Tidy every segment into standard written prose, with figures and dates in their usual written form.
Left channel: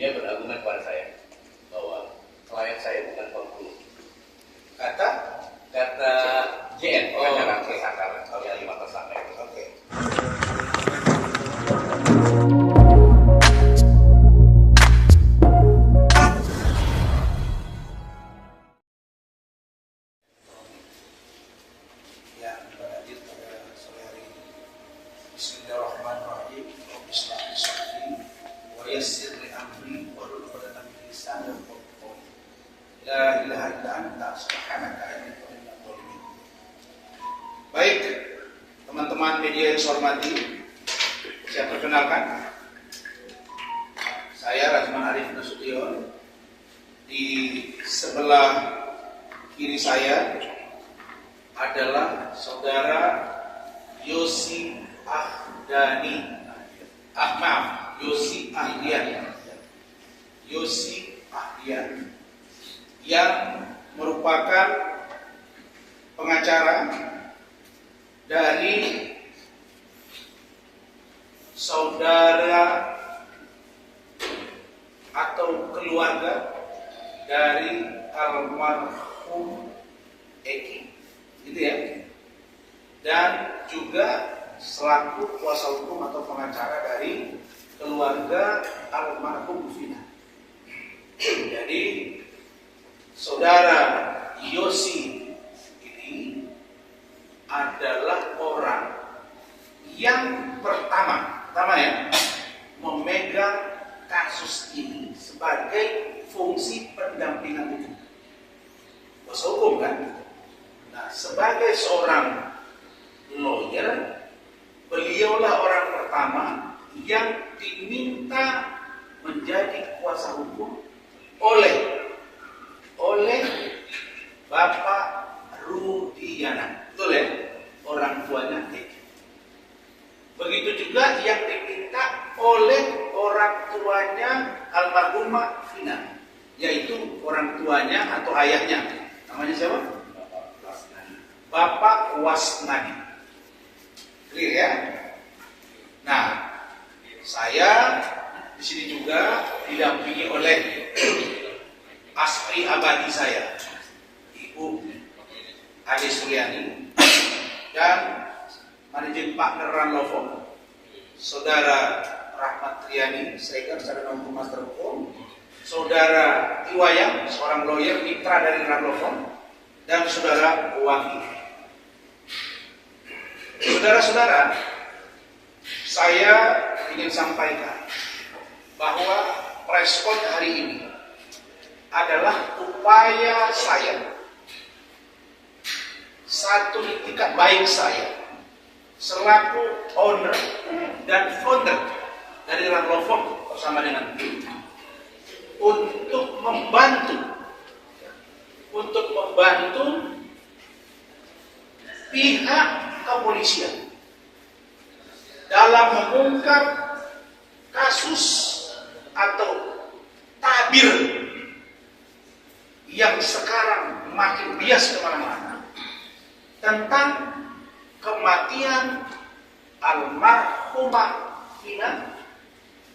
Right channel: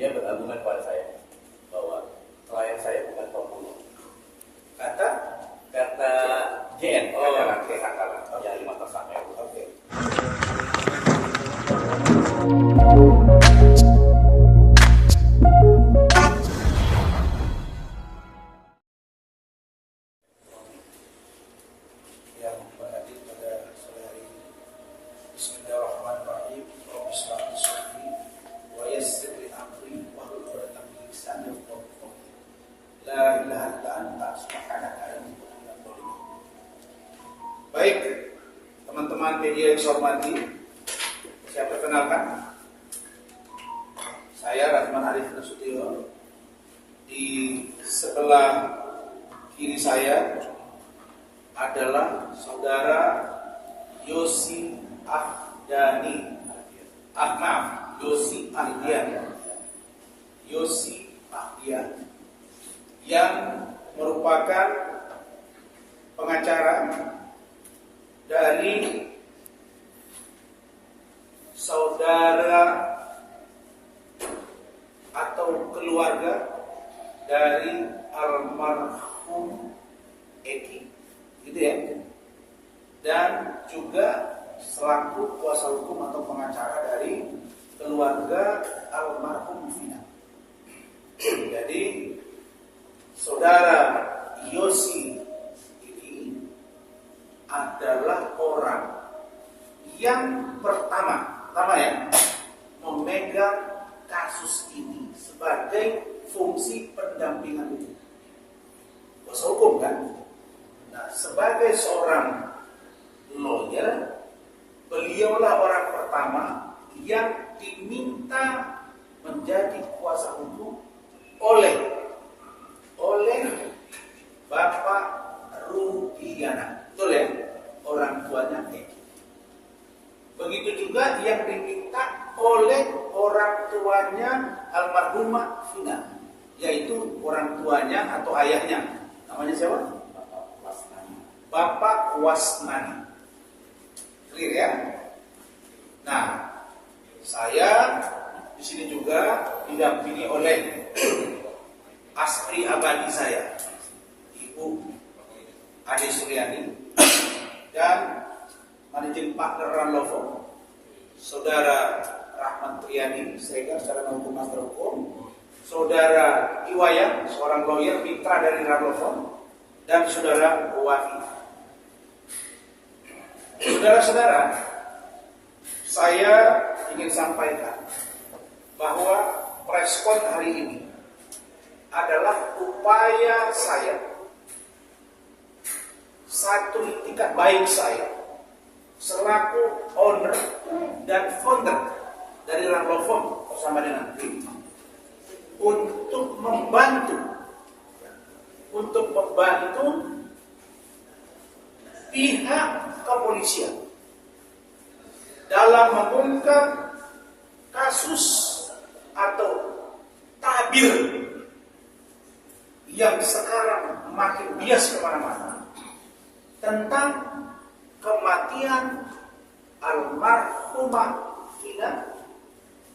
Dia berargumen kepada saya bahwa klien saya bukan pembunuh. Kata JN, Oh, katakan oke. tersangka, Oke. yang 5 tersangka itu. Oke. Yang berhadir pada sore hari ini. Bismillahirrahmanirrahim. Rabbi shrah li sadri wa yassir li amri wahlul 'uqdatam min lisani yafqahu qawli. La ilaha illa anta subhanaka inni kuntu minadh dhalimin. Baik, teman-teman media yang saya hormati, saya perkenalkan. Saya Razman Arif Nasution. Di sebelah kiri saya adalah saudara Yosi Ahdian. Yosi Ahdian yang merupakan pengacara dari saudara atau keluarga dari almarhum Eki, gitu ya, dan juga selaku kuasa hukum atau pengacara dari keluarga almarhum Vina. Jadi saudara Yosi ini adalah orang yang pertama ya memegang kasus ini sebagai fungsi pendampingan hukum. Kuasa hukum kan? Nah, sebagai seorang lawyer, beliaulah orang pertama yang diminta menjadi kuasa hukum oleh Bapak Rudiana. Betul ya? Orang tuanya Eki. Begitu juga yang diminta oleh orang tuanya almarhumah Vina, yaitu orang tuanya atau ayahnya. Namanya siapa? Bapak Wasnadi. Clear ya? Nah, saya di sini juga didampingi oleh asri abadi saya, Ibu Ade Suryani, dan managing partner Ranlovo, Saudara Rahmat Triani, Sregar, Sarana Hukum Master Hukum, Saudara Iwayang, seorang lawyer mitra dari Ranlovo, dan Saudara Waki. Saudara-saudara, saya ingin sampaikan bahwa preskon hari ini adalah upaya saya, satu itikat baik saya selaku owner dan founder dari Ranlovo bersama dengan tim untuk membantu pihak kepolisian dalam mengungkap kasus atau tabir yang sekarang makin bias kemana-mana tentang kematian almarhumah Vina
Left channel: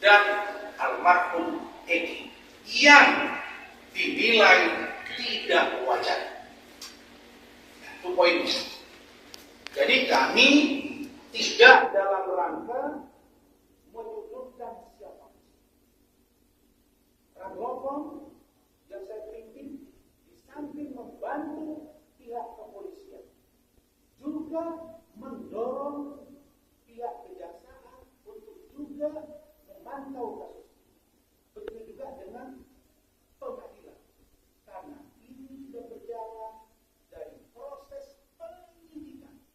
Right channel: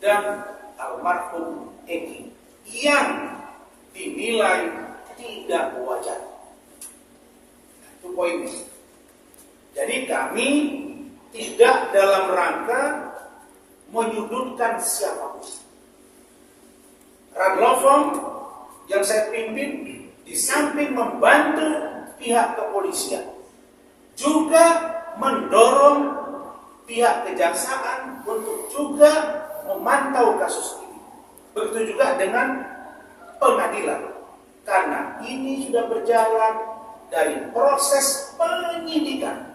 dan almarhum Eki yang dinilai tidak wajar. Itu poinnya. Jadi kami tidak dalam rangka menyudutkan siapapun. Ranlovo yang saya pimpin di samping membantu pihak kepolisian juga mendorong pihak kejaksaan untuk juga memantau kasus ini. Begitu juga dengan pengadilan, karena ini sudah berjalan dari proses penyidikan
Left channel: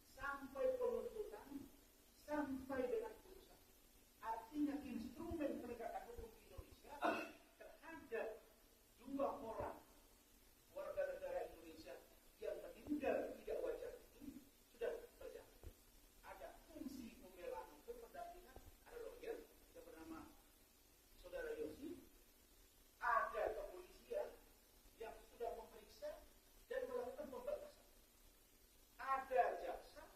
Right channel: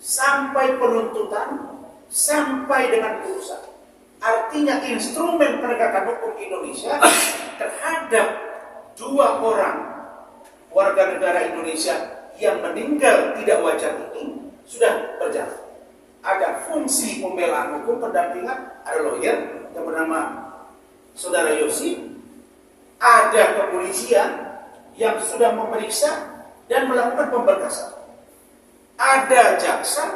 sampai penuntutan sampai dengan putusan. Artinya instrumen penegakan hukum Indonesia terhadap 2 orang warga negara Indonesia yang meninggal tidak wajar ini sudah berjalan. Ada fungsi pembelaan hukum pendampingan, ada lawyer yang bernama Saudara Yosi, ada kepolisian yang sudah memeriksa dan melakukan pemberkasan, ada jaksa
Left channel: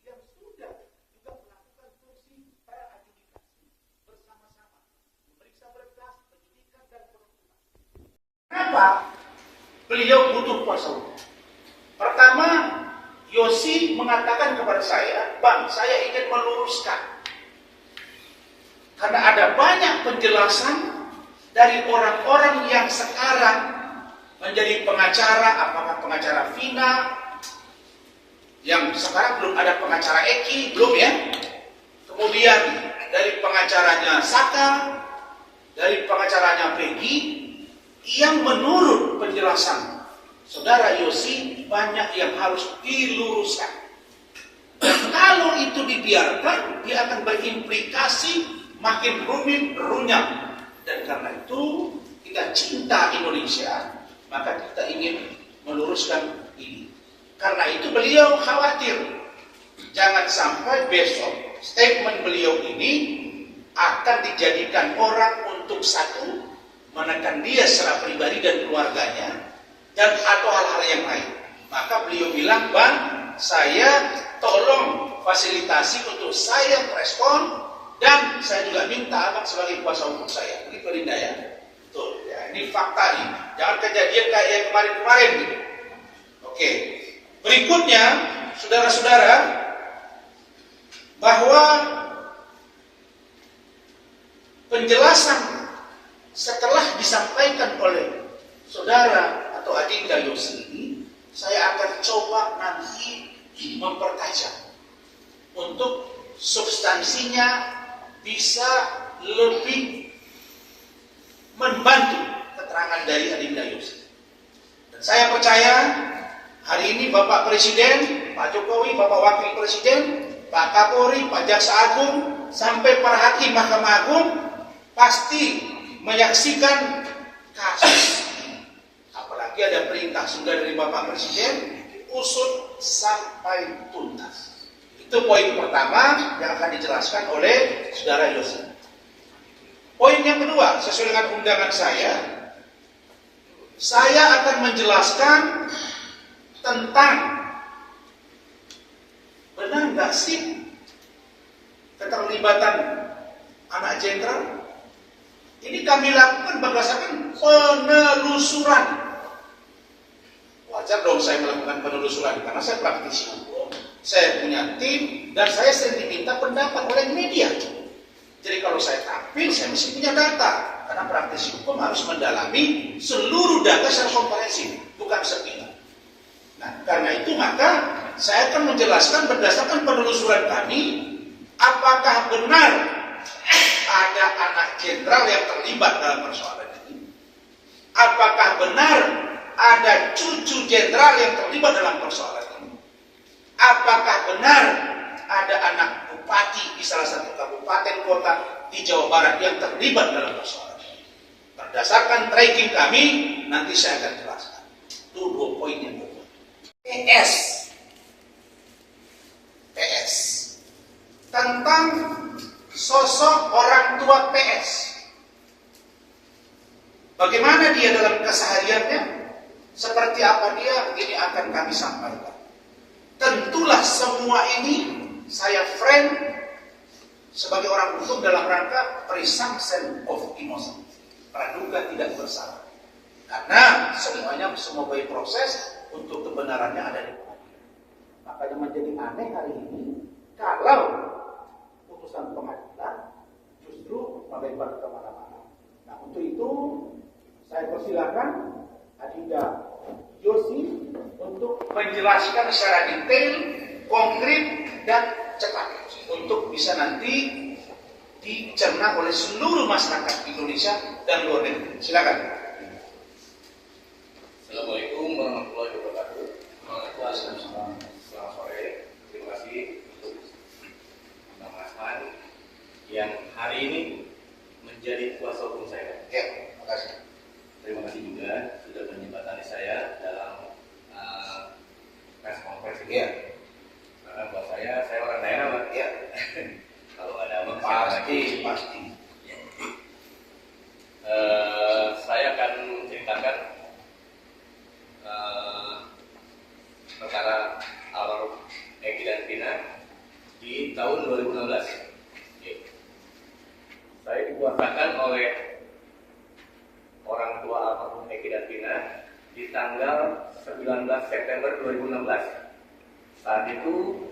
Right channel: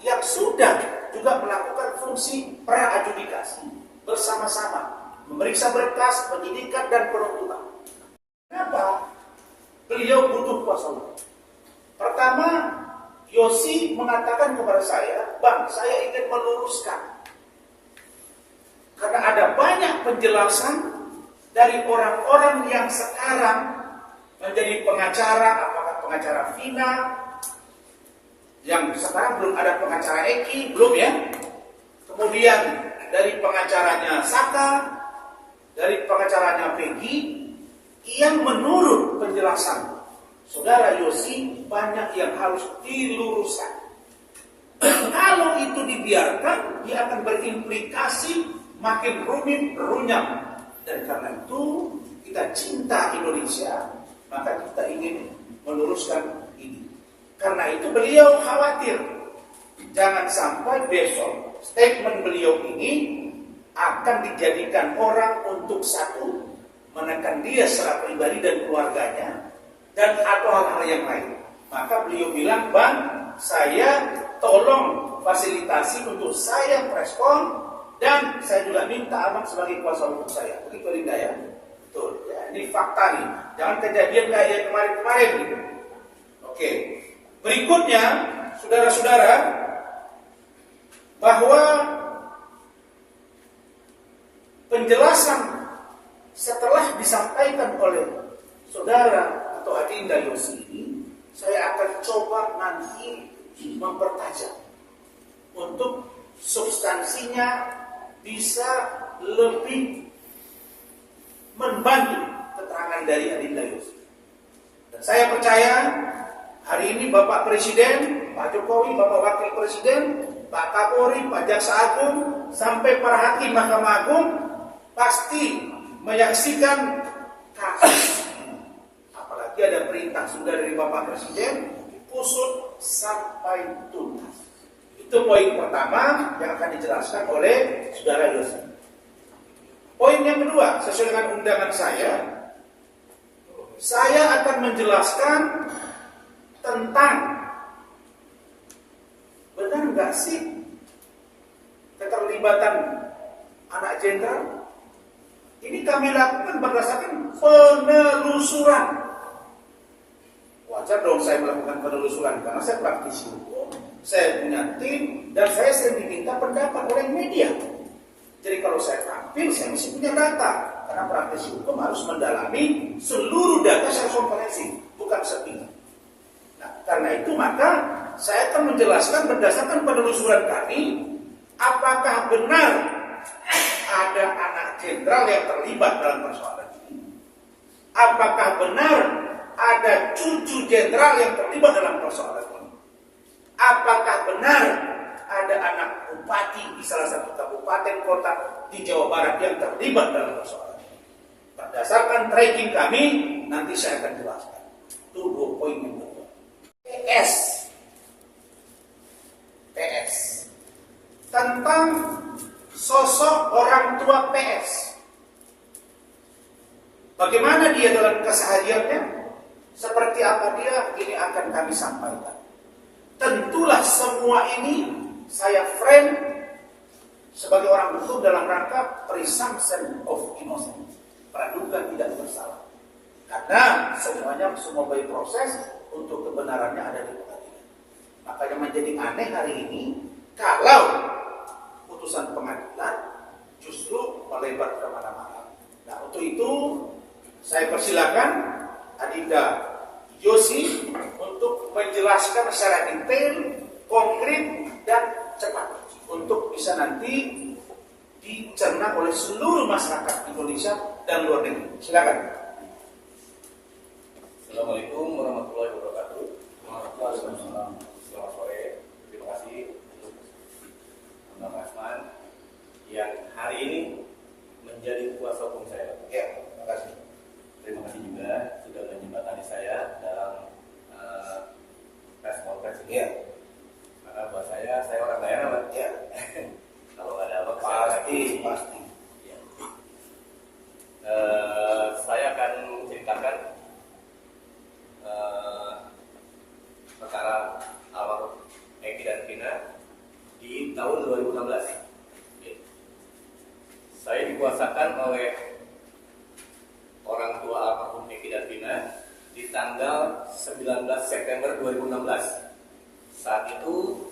yang sudah juga melakukan fungsi pra-adjudikasi bersama-sama memeriksa berkas, penyidikan, dan penuntutan. Kenapa beliau butuh kuasa hukum? Pertama, Yosi mengatakan kepada saya, Bang, saya ingin meluruskan. Karena ada banyak penjelasan dari orang-orang yang sekarang menjadi pengacara, apakah pengacara Vina, yang sekarang belum ada pengacara Eki, belum ya. Kemudian dari pengacaranya Saka, dari pengacaranya Peggy, yang menurut penjelasan Saudara Yosi banyak yang harus diluruskan. Dan kalau itu dibiarkan, dia akan berimplikasi makin rumit, runyam. Dan karena itu kita cinta Indonesia, maka kita ingin meluruskan ini. Karena itu beliau khawatir jangan sampai besok statement beliau ini akan dijadikan orang untuk satu menekan dia secara pribadi dan keluarganya, dan atau hal-hal yang lain. Maka beliau bilang, Bang, saya tolong fasilitasi untuk saya merespon, dan saya juga minta Abang sebagai kuasa hukum saya. Begitu Linda ya? Betul ya, ini fakta nih. Jangan kejadian kayak kemarin-kemarin gitu. Oke. Berikutnya, saudara-saudara, bahwa penjelasan setelah disampaikan oleh saudara atau Adinda Yosi ini, saya akan coba nanti mempertajam untuk substansinya bisa lebih membantu keterangan dari Adinda Yosi. Dan saya percaya hari ini Bapak Presiden, Pak Jokowi, Bapak Wakil Presiden, Pak Kapolri, Pak Jaksa Agung, sampai para hakim Mahkamah Agung pasti menyaksikan kasus. Apalagi ada perintah sudah dari Bapak Presiden, usut sampai tuntas. Itu poin pertama yang akan dijelaskan oleh Saudara Yosi. Poin yang kedua, sesuai dengan undangan saya akan menjelaskan tentang benar nggak sih keterlibatan anak jenderal. Ini kami lakukan berdasarkan penelusuran. Wajar dong saya melakukan penelusuran karena saya praktisi hukum, saya punya tim, dan saya sering diminta pendapat oleh media. Jadi kalau saya tampil, saya mesti punya data, karena praktisi hukum harus mendalami seluruh data secara komprehensif, bukan sepihak. Nah, karena itu maka saya akan menjelaskan berdasarkan penelusuran kami, apakah benar ada anak jenderal yang terlibat dalam persoalan ini? Apakah benar ada cucu jenderal yang terlibat dalam persoalan ini? Apakah benar ada anak bupati di salah satu kabupaten kota di Jawa Barat yang terlibat dalam persoalan ini? Berdasarkan tracking kami, nanti saya akan jelaskan. Itu 2 poin yang kedua. PS tentang sosok orang tua PS. Bagaimana dia dalam kesehariannya? Seperti apa dia? Ini akan kami sampaikan. Tentulah semua ini saya frame sebagai orang hukum dalam rangka presumption of innocence, praduga tidak bersalah. Karena semuanya semua by proses untuk kebenarannya ada di pengadilan. Makanya menjadi aneh hari ini kalau putusan pengadilan justru melebar kemana-mana. Nah, untuk itu saya persilakan Adinda Yosi untuk menjelaskan secara detail, konkret, dan cepat untuk bisa nanti dicerna oleh seluruh masyarakat Indonesia dan luar negeri. Silakan. Assalamualaikum warahmatullahi wabarakatuh. Waalaikumsalam. Selamat sore. Terima kasih untuk Bang Asman yang hari ini menjadi kuasa hukum saya. Ya, terima kasih. Terima kasih juga sudah menjembatani saya dalam press conference ini. Ya. Karena buat saya orang daerah, Pak. Ya. Kalau ada apa Pasti. Ya. Saya akan menceritakan perkara almarhum Eki dan Vina di tahun 2016. Oke. Saya dikuasakan oleh orang tua almarhum Eki dan Vina di tanggal 19 September 2016. Saat itu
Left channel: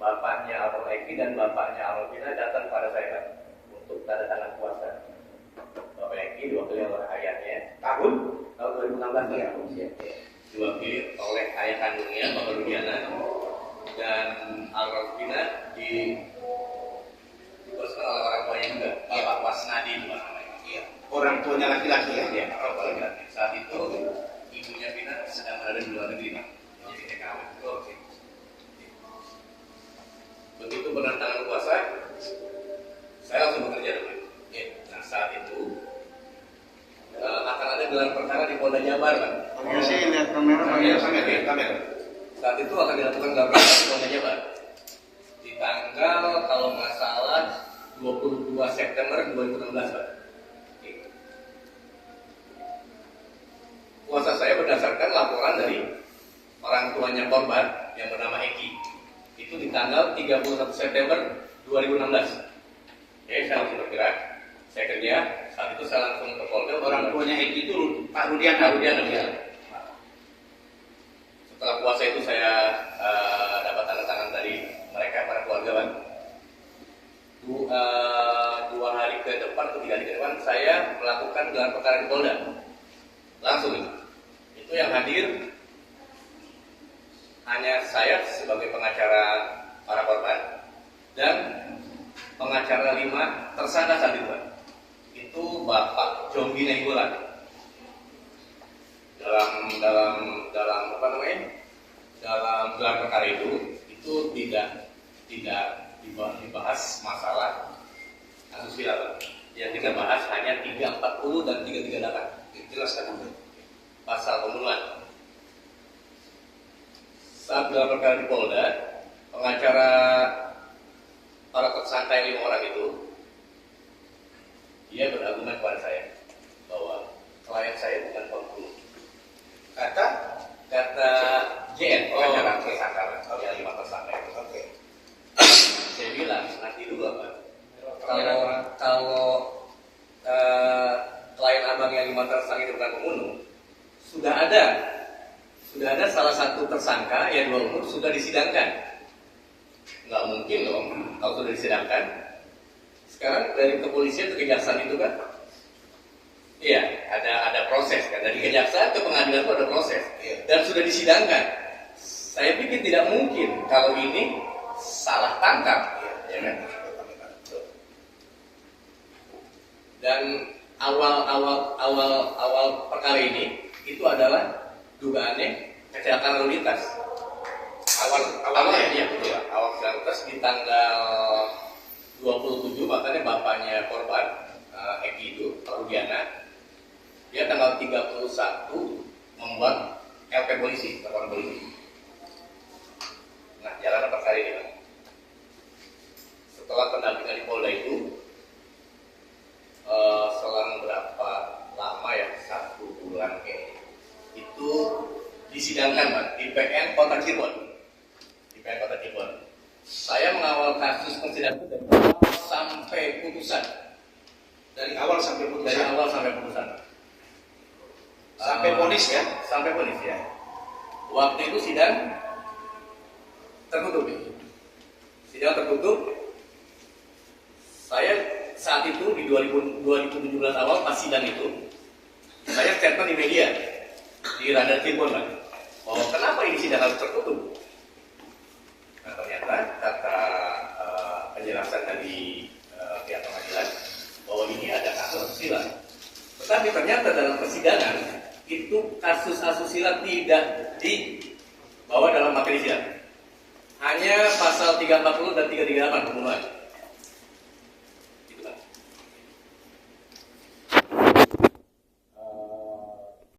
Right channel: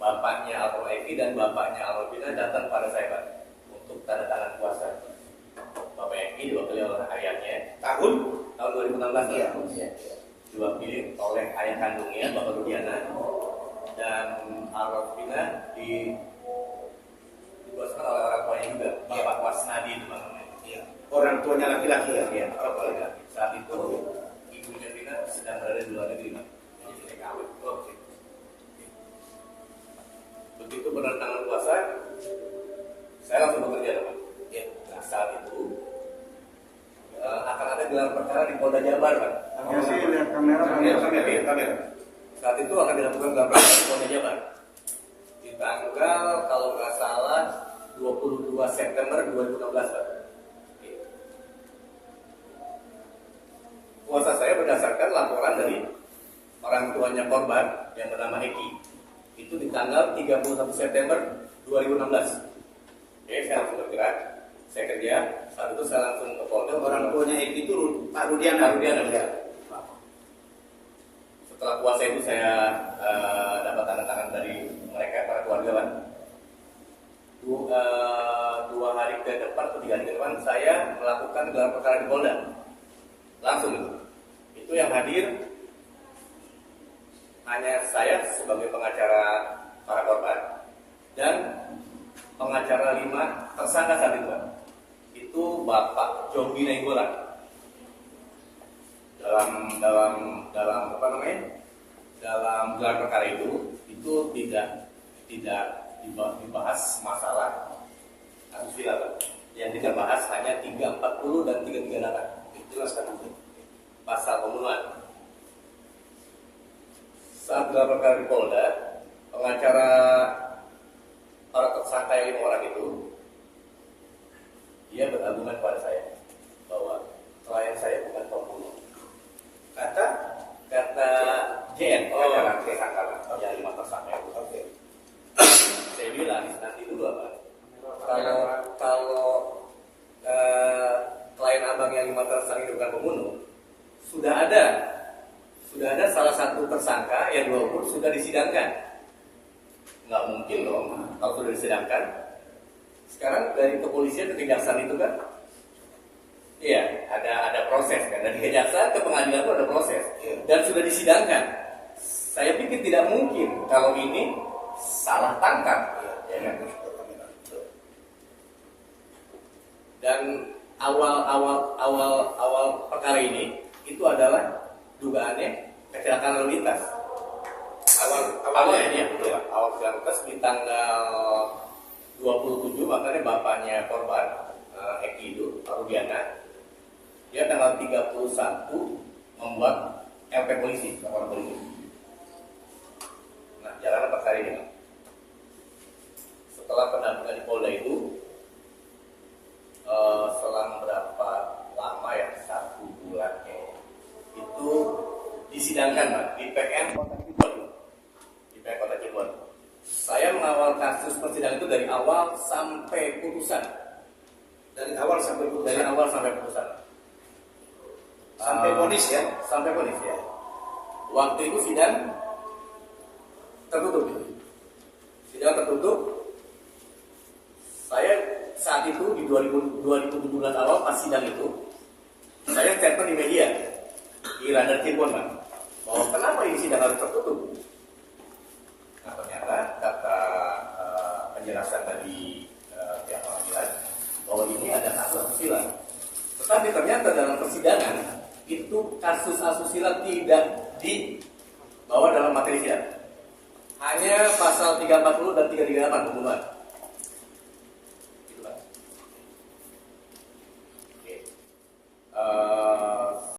bapaknya almarhum Eki dan bapaknya almarhum Vina datang pada saya, Pak, untuk tanda tangan puasa. Bapak Eki diwakili oleh ayahnya. Tahun? Tahun 2016. Iya. Diwakili oleh ayah kandungnya, Bapak Rudiana, dan almarhum Vina dikuaskan oleh orang tuanya juga, Bapak Wasnadi namanya. Iya. Orang tuanya laki-laki ya? Iya, orang tua laki-laki. Saat itu ibunya Vina sedang berada di luar negeri, Pak. Jadi TKW. Begitu berdatangan puasa, saya langsung bekerja, Pak. Ya. Nah, saat itu akan ada gelar perkara di Polda Jabar, Pak. Saya sih lihat kamera. Kamera. Saat itu akan dilakukan gelar perkara di Polda Jabar di tanggal kalau nggak salah 22 September 2016, Pak. Puasa saya berdasarkan laporan dari orang tuanya korban yang bernama Eki. Itu di tanggal 31 September 2016. Oke, saya langsung bergerak. Saya kerja. Saat itu saya langsung ke Polda. Orang tuanya Eki itu Pak Rudiana. Pak Rudiana, ya. Setelah puasa itu saya dapat tanda tangan dari mereka, para keluarga, Pak. Dua hari ke depan atau 3 hari ke depan saya melakukan gelar perkara di Polda. Langsung itu yang hadir hanya saya sebagai pengacara para korban dan pengacara 5 tersangka saat itu, Pak. Itu Bapak Jombi Nainggolan. Dalam apa namanya? Dalam gelar perkara itu tidak dibahas masalah asusila, Pak. Yang kita bahas hanya 340 dan 338. Jelaskan dulu. Pasal pembunuhan. Saat gelar perkara di Polda, pengacara para tersangka yang 5 orang itu, dia berargumen kepada saya bahwa klien saya bukan pembunuh. Kata JN, pengacara tersangka, yang 5 tersangka itu. Oke. Saya bilang nanti dulu, Pak. Kalau klien abang yang 5 tersangka itu bukan pembunuh, sudah ada salah satu tersangka yang 2 umur sudah disidangkan. Nggak mungkin dong kalau sudah disidangkan. Sekarang dari kepolisian ke kejaksaan itu kan, iya ada proses kan, dari kejaksaan ke pengadilan itu ada proses dan sudah disidangkan. Saya pikir tidak mungkin kalau ini salah tangkap, ya kan? Dan awal perkara ini itu adalah dugaannya kecelakaan lalu lintas. Awalnya ya, betul. Awal kecelakaan lintas di tanggal 27, makanya bapaknya korban Eki itu, Pak Rudiana, dia tanggal 31 membuat LP polisi, laporan polisi. Nah, jalan perkara ini, Pak. Setelah pendampingan di Polda itu, selang berapa lama ya, 1 bulan kayaknya, itu disidangkan, Pak, di PN Kota Cirebon. Di PN Kota Cirebon. Saya mengawal kasus persidangan itu dari awal sampai putusan. Dari awal sampai putusan. Dari awal sampai putusan. Sampai vonis ya? Sampai vonis ya. Waktu itu sidang tertutup. Sidang tertutup. Saya saat itu di 2017 awal pas sidang itu, saya statement di media di Radar Cirebon, Pak, bahwa kenapa ini sidang harus tertutup. Nah, ternyata kata penjelasan dari pihak pengadilan bahwa ini ada kasus asusila. Tetapi ternyata dalam persidangan itu kasus asusila tidak dibawa dalam materi sidang. Hanya pasal 340 dan 338 pembunuhan.